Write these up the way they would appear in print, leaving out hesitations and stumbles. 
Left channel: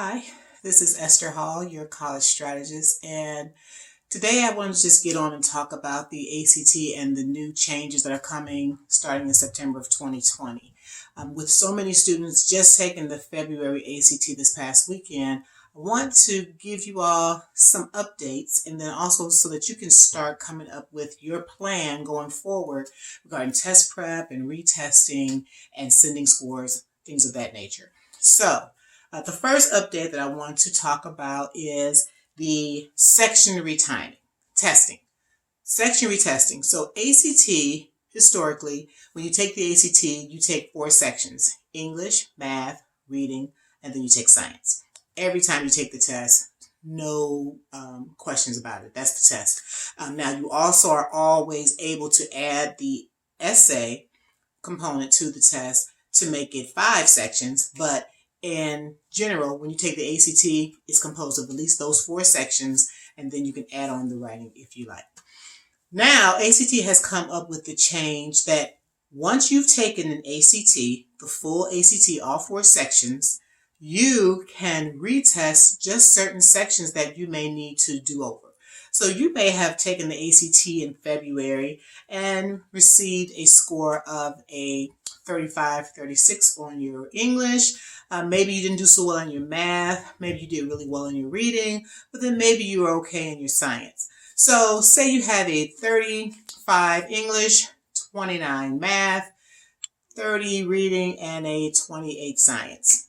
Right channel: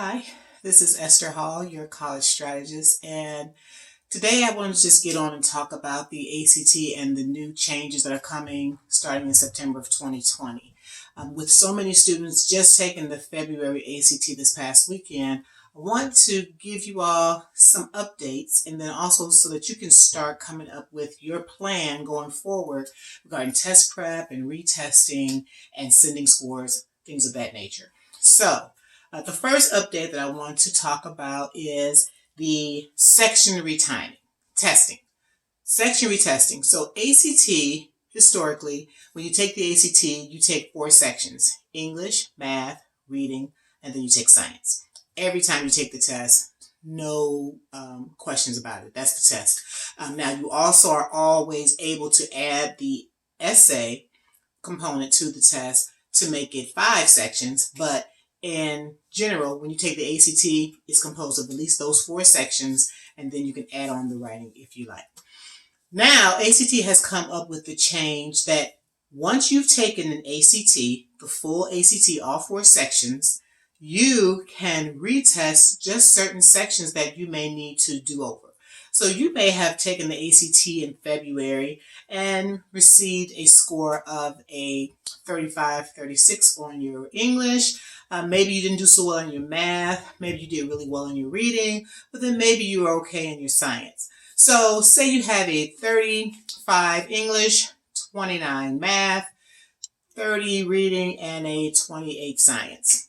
Hi, this is Esther Hall, your college strategist, and today I want to just get on and talk about the ACT and the new changes that are coming starting in September of 2020. With so many students just taking the February ACT this past weekend, I want to give you all some updates and then also so that you can start coming up with your plan going forward regarding test prep and retesting and sending scores, things of that nature. The first update that I want to talk about is the section retiming testing. Section retesting. So ACT, historically, when you take the ACT, you take 4 sections: English, math, reading, and then you take science. Every time you take the test, no questions about it. That's the test. Now, you also are always able to add the essay component to the test to make it 5 sections, but in general, when you take the ACT, it's composed of at least those 4 sections, and then you can add on the writing if you like. Now, ACT has come up with the change that once you've taken an ACT, the full ACT, all 4 sections, you can retest just certain sections that you may need to do over. So you may have taken the ACT in February and received a score of a 35, 36 on your English. Maybe you didn't do so well in your math. Maybe you did really well in your reading, but then maybe you were okay in your science. So say you have a 35 English, 29 math, 30 reading, and a 28 science.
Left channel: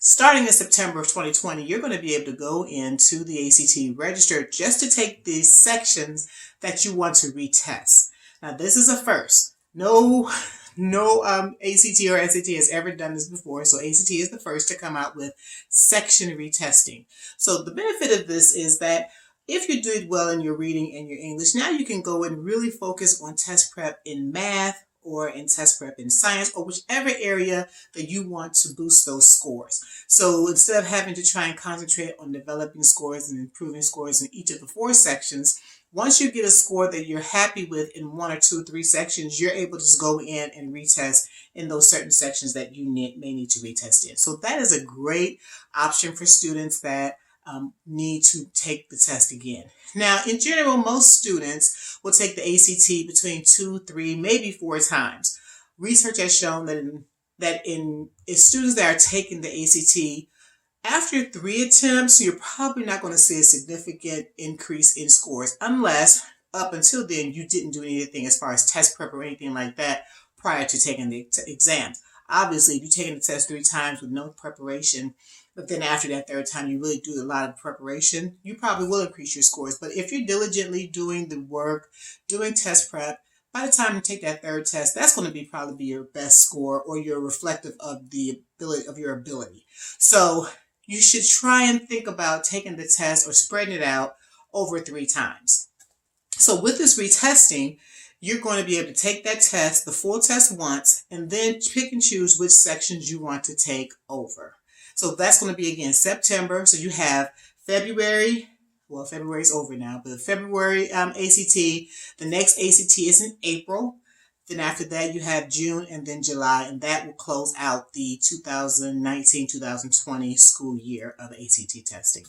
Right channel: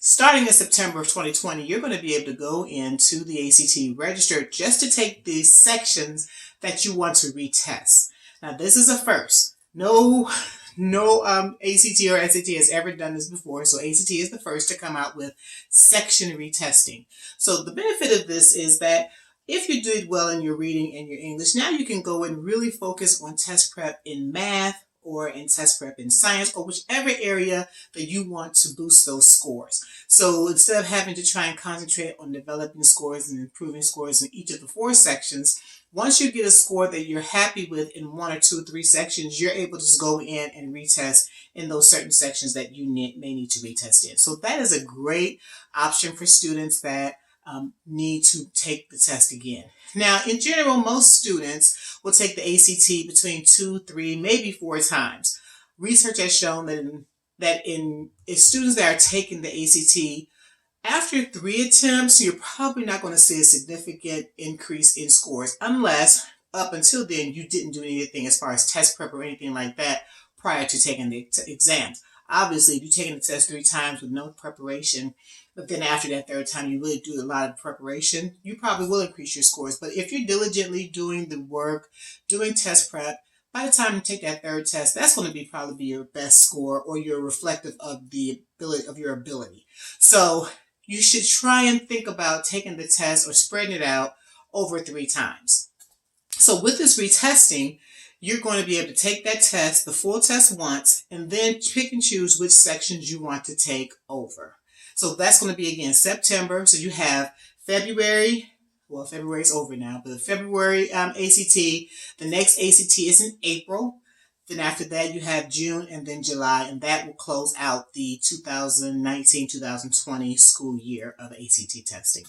Starting in September of 2020, you're going to be able to go into the ACT register just to take these sections that you want to retest. Now, this is a first. No ACT or SAT has ever done this before, so ACT is the first to come out with section retesting. So the benefit of this is that if you did well in your reading and your English, now you can go and really focus on test prep in math or in test prep in science, or whichever area that you want to boost those scores. So instead of having to try and concentrate on developing scores and improving scores in each of the 4 sections, once you get a score that you're happy with in 1 or 2 or 3 sections, you're able to just go in and retest in those certain sections that you may need to retest in. So that is a great option for students that need to take the test again. Now, in general, most students will take the ACT between 2, 3, maybe 4 times. Research has shown that in students that are taking the ACT, after 3 attempts, you're probably not going to see a significant increase in scores unless up until then you didn't do anything as far as test prep or anything like that prior to taking the exams. Obviously, if you're taking the test 3 times with no preparation, but then after that 3rd time you really do a lot of preparation, you probably will increase your scores. But if you're diligently doing the work, doing test prep, by the time you take that 3rd test, that's going to probably be your best score or your reflective of the ability of your ability. So you should try and think about taking the test or spreading it out over 3 times. So with this retesting, you're going to be able to take that test, the full test once, and then pick and choose which sections you want to take over. So that's going to be, again, September. So you have February. Well, February's over now, but February ACT. The next ACT is in April. Then after that, you have June and then July, and that will close out the 2019-2020 school year of ACT testing.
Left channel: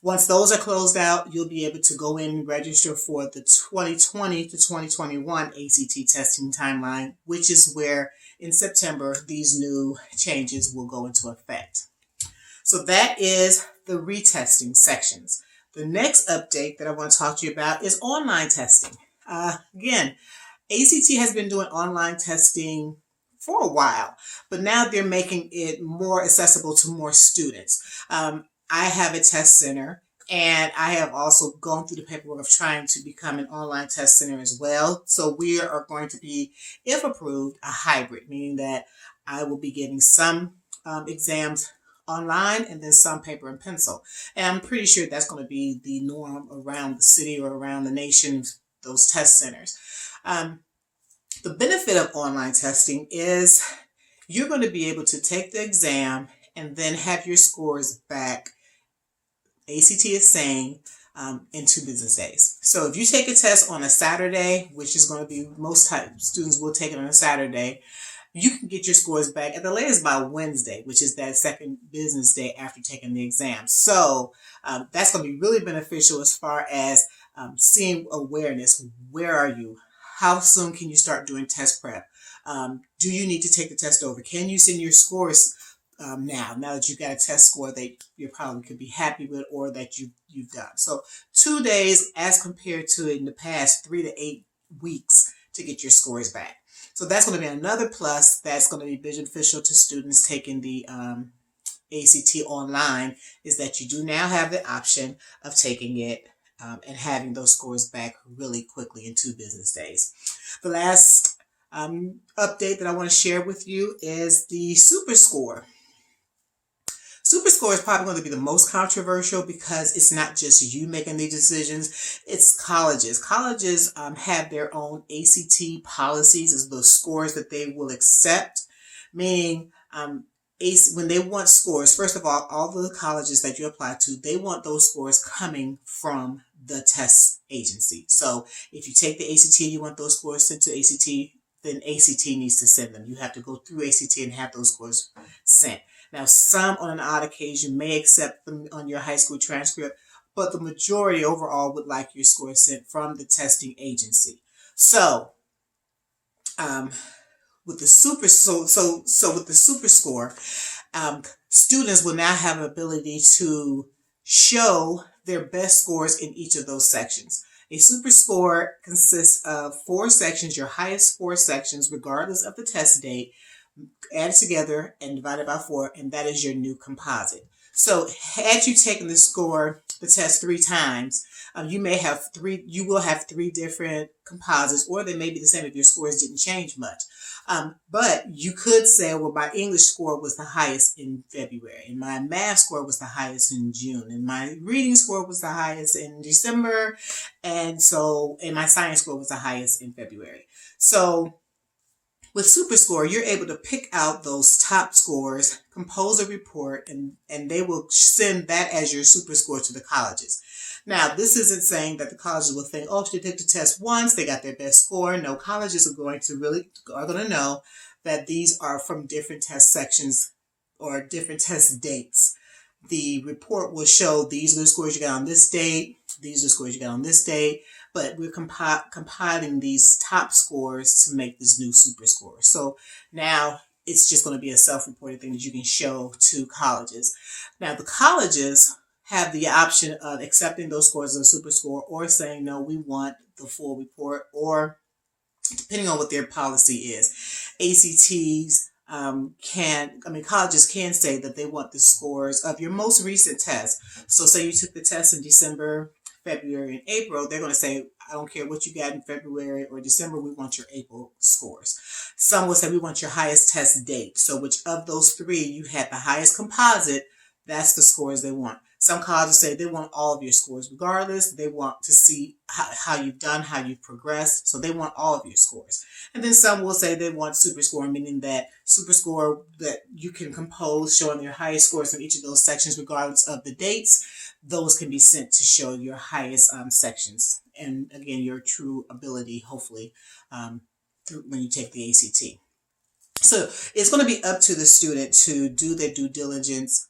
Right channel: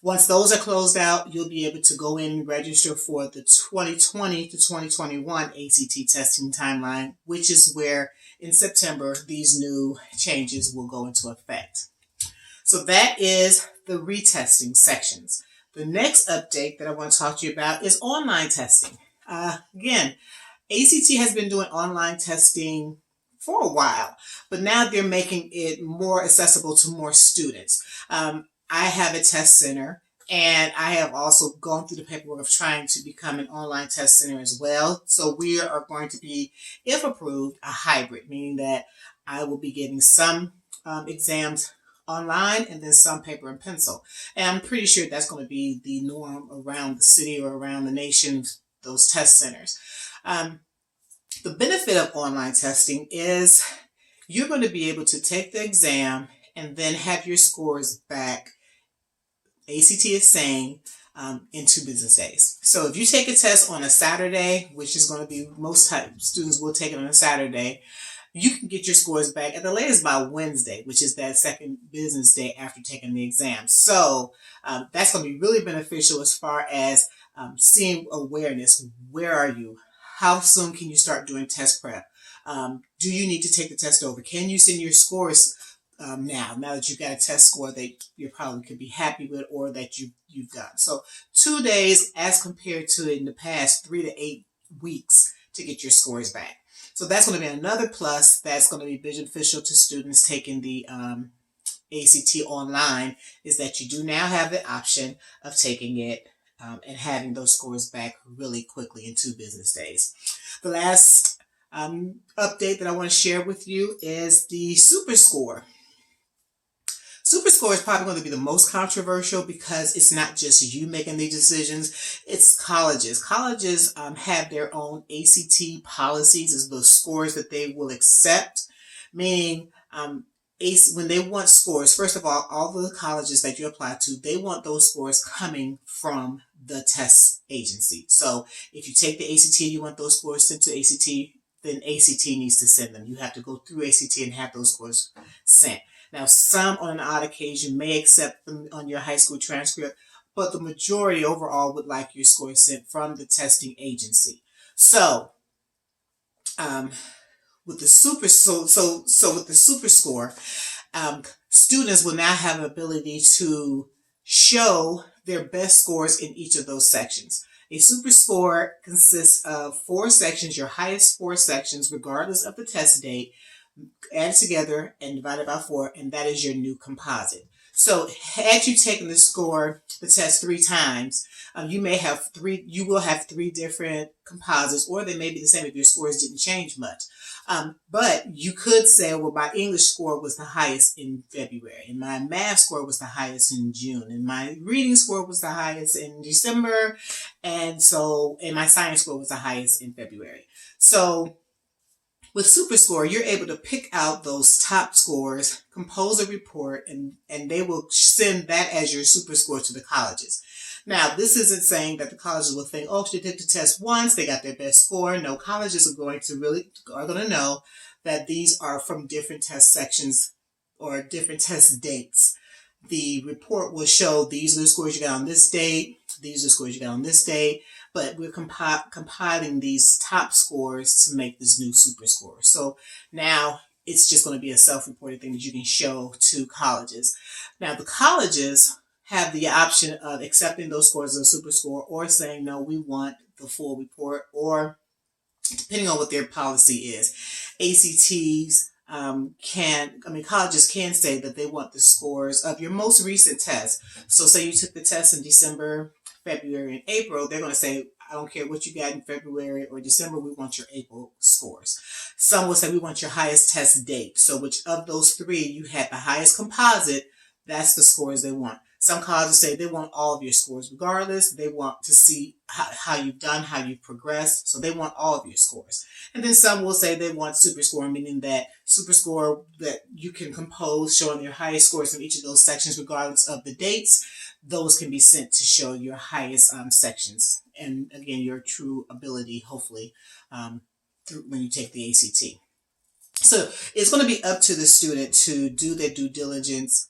Once those are closed out, you'll be able to go in and register for the 2020 to 2021 ACT testing timeline, which is where in September these new changes will go into effect. So that is the retesting sections. The next update that I want to talk to you about is online testing. Again, ACT has been doing online testing for a while, but now they're making it more accessible to more students. I have a test center, and I have also gone through the paperwork of trying to become an online test center as well. So we are going to be, if approved, a hybrid, meaning that I will be giving some exams online and then some paper and pencil. And I'm pretty sure that's going to be the norm around the city or around the nation, those test centers. The benefit of online testing is you're going to be able to take the exam and then have your scores back, ACT is saying, in 2 business days. So if you take a test on a Saturday, which is going to be most students will take it on a Saturday, you can get your scores back at the latest by Wednesday, which is that second business day after taking the exam. So that's going to be really beneficial as far as seeing awareness. Where are you? How soon can you start doing test prep? Do you need to take the test over? Can you send your scores now that you've got a test score that you probably could be happy with or that you've done? So 2 days as compared to in the past 3 to 8 weeks to get your scores back. So that's going to be another plus that's going to be beneficial to students taking the ACT online, is that you do now have the option of taking it and having those scores back really quickly in 2 business days. The last update that I want to share with you is the SuperScore. SuperScore is probably going to be the most controversial because it's not just you making these decisions, it's colleges. Colleges have their own ACT policies, as those scores that they will accept, meaning when they want scores, first of all the colleges that you apply to, they want those scores coming from the test agency. So if you take the ACT, you want those scores sent to ACT, then ACT needs to send them. You have to go through ACT and have those scores sent. Now, some on an odd occasion may accept them on your high school transcript, but the majority overall would like your scores sent from the testing agency. So, with the SuperScore, students will now have an ability to show their best scores in each of those sections. A SuperScore consists of 4 sections, your highest 4 sections, regardless of the test date, added together and divided by 4, and that is your new composite. So had you taken the test 3 times, you will have 3 different composites, or they may be the same if your scores didn't change much. But you could say, well, my English score was the highest in February, and my math score was the highest in June, and my reading score was the highest in December, and my science score was the highest in February. So with SuperScore, you're able to pick out those top scores, compose a report, and they will send that as your SuperScore to the colleges. Now, this isn't saying that the colleges will think, oh, if they took the test once, they got their best score. No, colleges are going to know that these are from different test sections or different test dates. The report will show these are the scores you got on this date, these are the scores you got on this date, but we're compiling these top scores to make this new SuperScore. So now it's just going to be a self-reported thing that you can show to colleges. Now, the colleges have the option of accepting those scores as a SuperScore or saying, no, we want the full report, or depending on what their policy is. Colleges can say that they want the scores of your most recent test. So say you took the test in December, February, and April, they're going to say, I don't care what you got in February or December, we want your April scores. Some will say we want your highest test date. So which of those 3 you had the highest composite, that's the scores they want. Some colleges say they want all of your scores regardless. They want to see how you've done, how you've progressed. So they want all of your scores. And then some will say they want SuperScore, meaning that SuperScore that you can compose showing your highest scores in each of those sections regardless of the dates. Those can be sent to show your highest sections. And again, your true ability, hopefully, when you take the ACT. So it's going to be up to the student to do their due diligence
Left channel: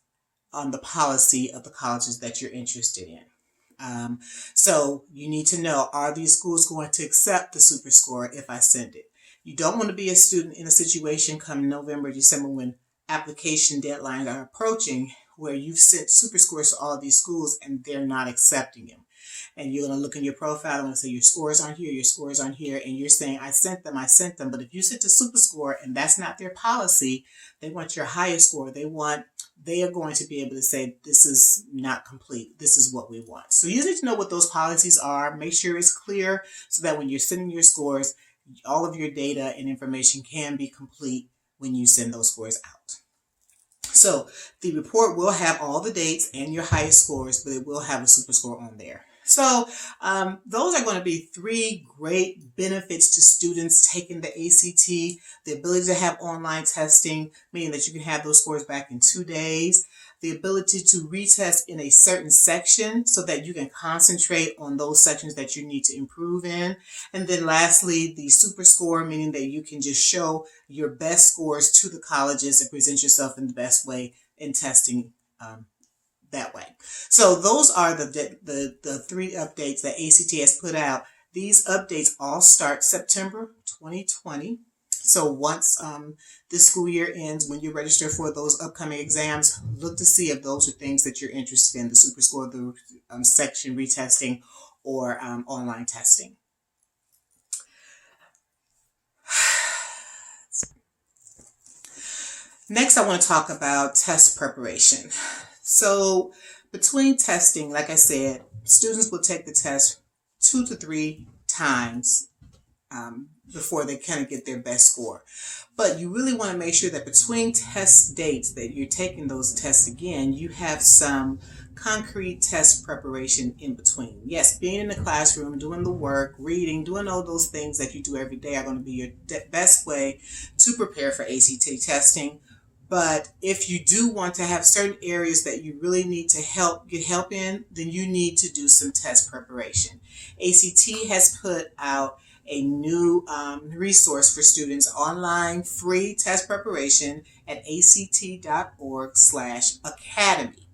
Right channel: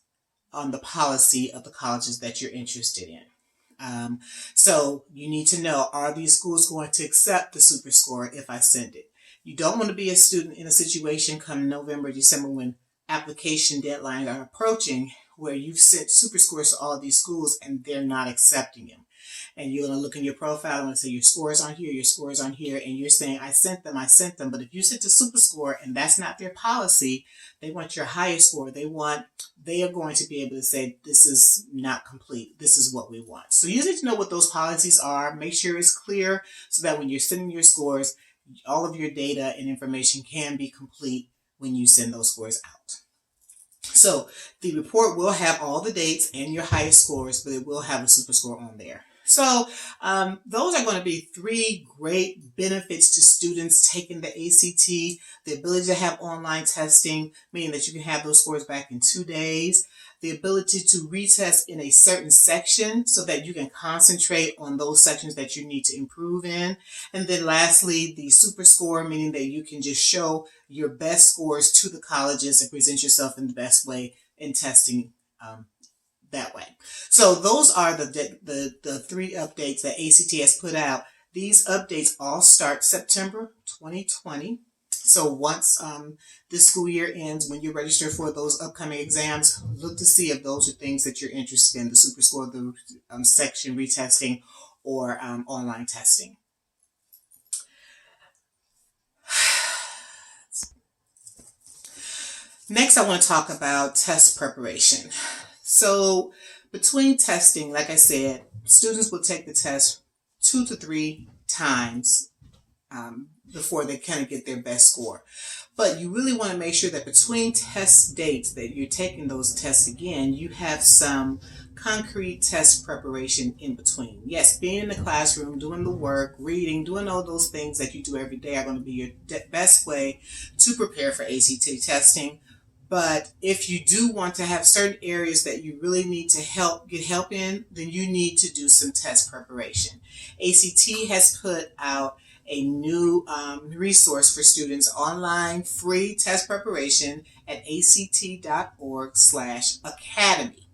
on the policy of the colleges that you're interested in. So you need to know, are these schools going to accept the SuperScore if I send it? You don't want to be a student in a situation come November, December, when application deadlines are approaching, where you've sent SuperScores to all of these schools and they're not accepting them. And you're going to look in your profile and say your scores aren't here, and you're saying, I sent them. But if you sent to SuperScore and that's not their policy, they want your highest score. They are going to be able to say, this is not complete. This is what we want. So you need to know what those policies are. Make sure it's clear so that when you're sending your scores, all of your data and information can be complete when you send those scores out. So the report will have all the dates and your highest scores, but it will have a SuperScore on there. So those are going to be three great benefits to students taking the ACT. The ability to have online testing, meaning that you can have those scores back in 2 days. The ability to retest in a certain section so that you can concentrate on those sections that you need to improve in. And then lastly, the SuperScore, meaning that you can just show your best scores to the colleges and present yourself in the best way in testing that way. So those are the three updates that ACT has put out. These updates all start September 2020. So once this school year ends, when you register for those upcoming exams, look to see if those are things that you're interested in, the SuperScore, the section retesting, or online testing. Next, I want to talk about test preparation. So between testing, like I said, students will take the test 2 to 3 times before they kind of get their best score. But you really want to make sure that between test dates that you're taking those tests again, you have some concrete test preparation in between. Yes, being in the classroom, doing the work, reading, doing all those things that you do every day are going to be your best way to prepare for ACT testing. But if you do want to have certain areas that you really need to get help in, then you need to do some test preparation. ACT has put out a new resource for students, online free test preparation at act.org/academy.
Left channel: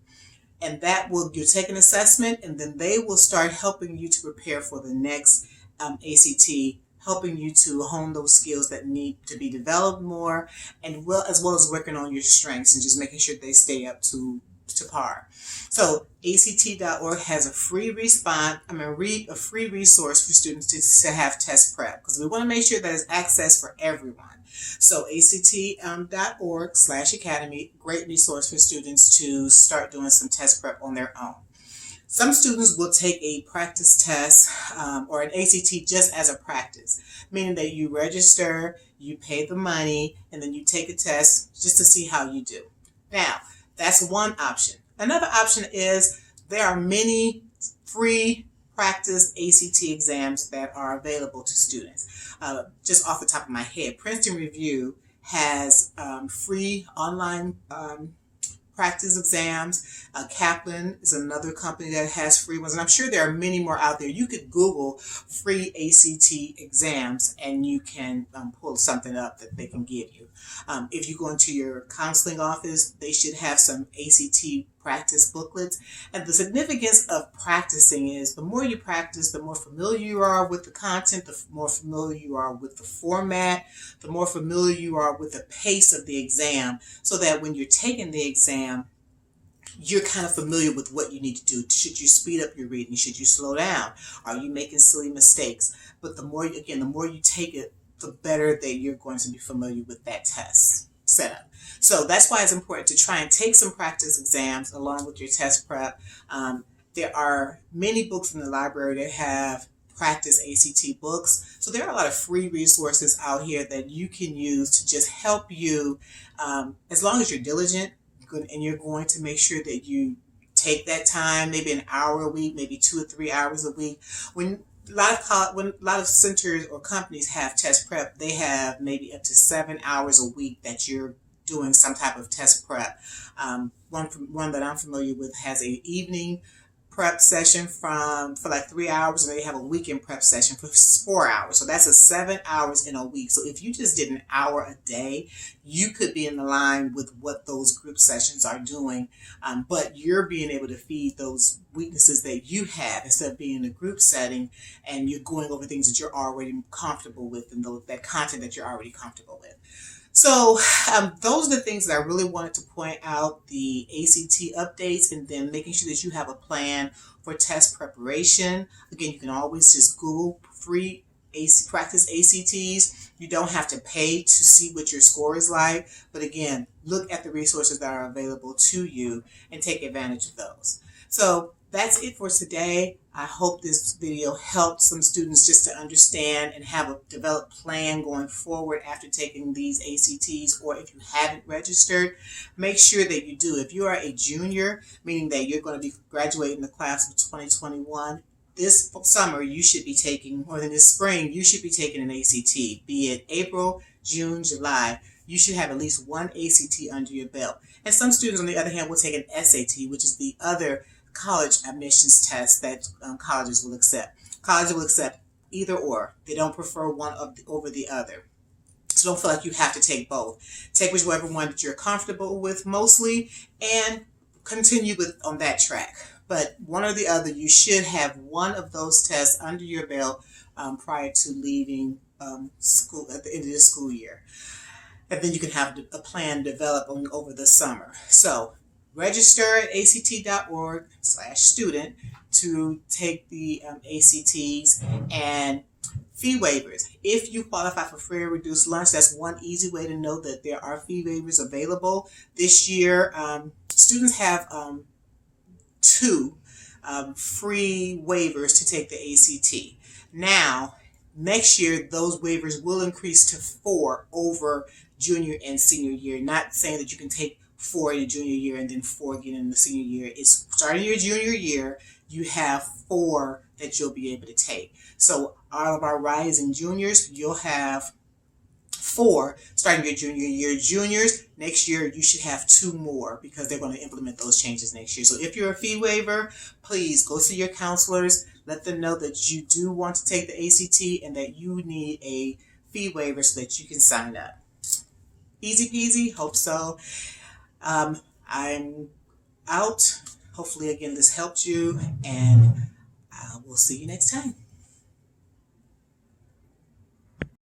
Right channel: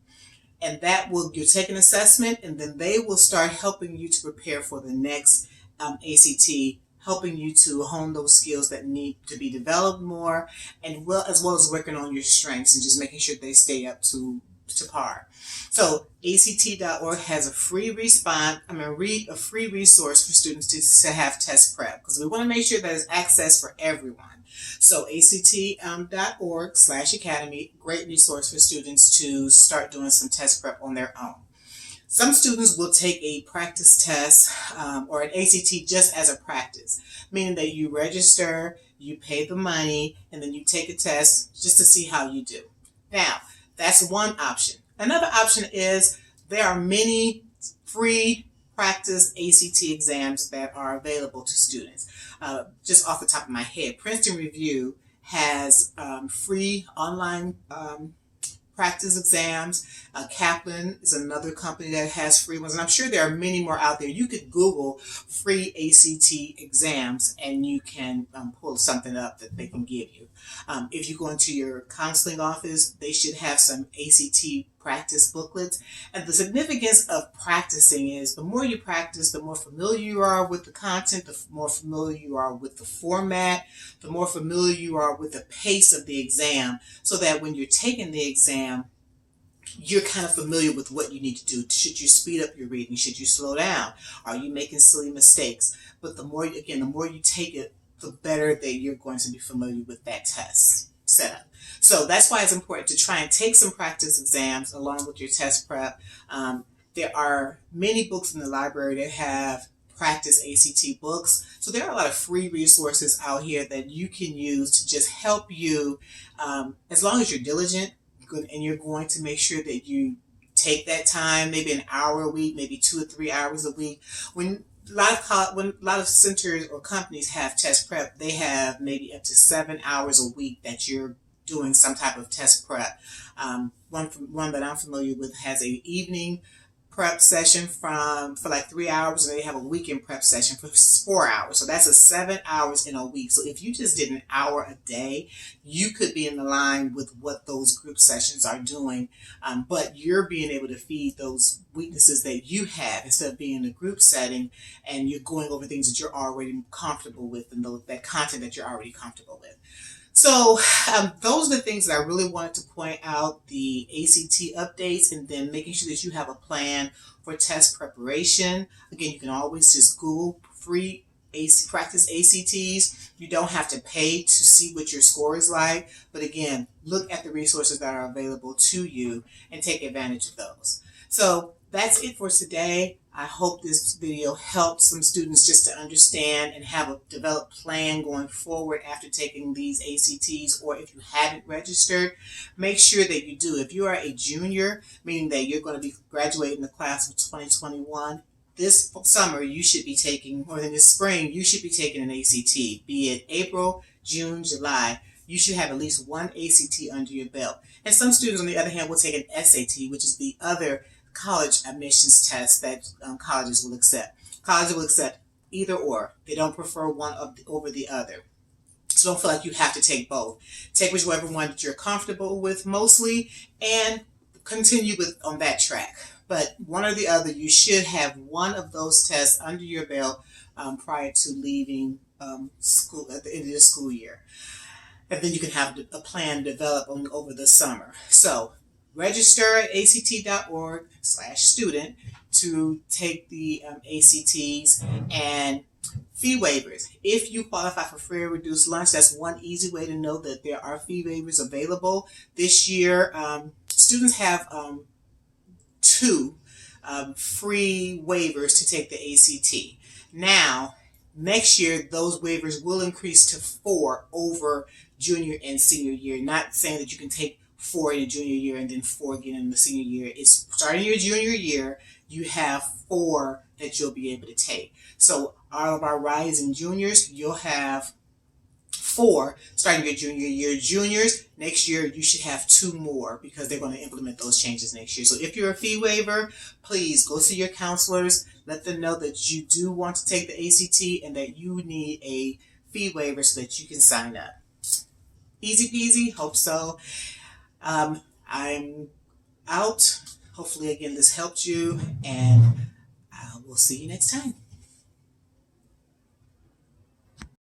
And that you'll take an assessment, and then they will start helping you to prepare for the next ACT, helping you to hone those skills that need to be developed more, and as well as working on your strengths and just making sure they stay up to par. So act.org has a free a free resource for students to have test prep, because we want to make sure that it's access for everyone. So act.org/academy, great resource for students to start doing some test prep on their own. Some students will take a practice test or an ACT just as a practice, meaning that you register, you pay the money, and then you take a test just to see how you do. Now, that's one option. Another option is there are many free practice ACT exams that are available to students. Just off the top of my head, Princeton Review has free online practice exams. Kaplan is another company that has free ones, and I'm sure there are many more out there. You could Google free ACT exams and you can pull something up that they can give you. If you go into your counseling office, they should have some ACT practice booklets. And the significance of practicing is the more you practice, the more familiar you are with the content, the more familiar you are with the format, the more familiar you are with the pace of the exam, so that when you're taking the exam, you're kind of familiar with what you need to do. Should you speed up your reading? Should you slow down? Are you making silly mistakes? But the more you take it, the better that you're going to be familiar with that test setup. So that's why it's important to try and take some practice exams along with your test prep. There are many books in the library that have practice ACT books. So there are a lot of free resources out here that you can use to just help you, as long as you're diligent and you're going to make sure that you take that time, maybe an hour a week, maybe 2 or 3 hours a week. When a lot of centers or companies have test prep, they have maybe up to 7 hours a week that you're doing some type of test prep. One that I'm familiar with has an evening prep session for like 3 hours, and they have a weekend prep session for 4 hours. So that's 7 hours in a week. So if you just did an hour a day, you could be in the line with what those group sessions are doing. But you're being able to feed those weaknesses that you have instead of being in a group setting, and you're going over things that you're already comfortable with and that content that you're already comfortable with. So those are the things that I really wanted to point out, the ACT updates, and then making sure that you have a plan for test preparation. Again, you can always just Google free practice ACTs. You don't have to pay to see what your score is like. But again, look at the resources that are available to you and take advantage of those. So that's it for today. I hope this video helped some students just to understand and have a developed plan going forward after taking these ACTs, or if you haven't registered, make sure that you do. If you are a junior, meaning that you're going to be graduating the class of 2021, this summer you should be taking, or in this spring, you should be taking an ACT, be it April, June, July. You should have at least one ACT under your belt. And some students, on the other hand, will take an SAT, which is the other college admissions test that colleges will accept. Colleges will accept either or. They don't prefer one over the other. So don't feel like you have to take both. Take whichever one that you're comfortable with mostly and continue with on that track. But one or the other, you should have one of those tests under your belt prior to leaving school at the end of the school year. And then you can have a plan developed over the summer. So register at act.org/student to take the ACTs, and fee waivers. If you qualify for free or reduced lunch, that's one easy way to know that there are fee waivers available. This year, students have two free waivers to take the ACT. Now, next year, those waivers will increase to 4 over junior and senior year. Not saying that you can take 4 in a junior year and then 4 again in the senior year. It's starting your junior year, you have 4 that you'll be able to take. So all of our rising juniors, you'll have 4 starting your junior year. Juniors, next year you should have 2 more because they're going to implement those changes next year. So if you're a fee waiver, please go see your counselors. Let them know that you do want to take the ACT and that you need a fee waiver so that you can sign up. Easy peasy, hope so. I'm out. Hopefully, again, this helped you, and we'll see you next time.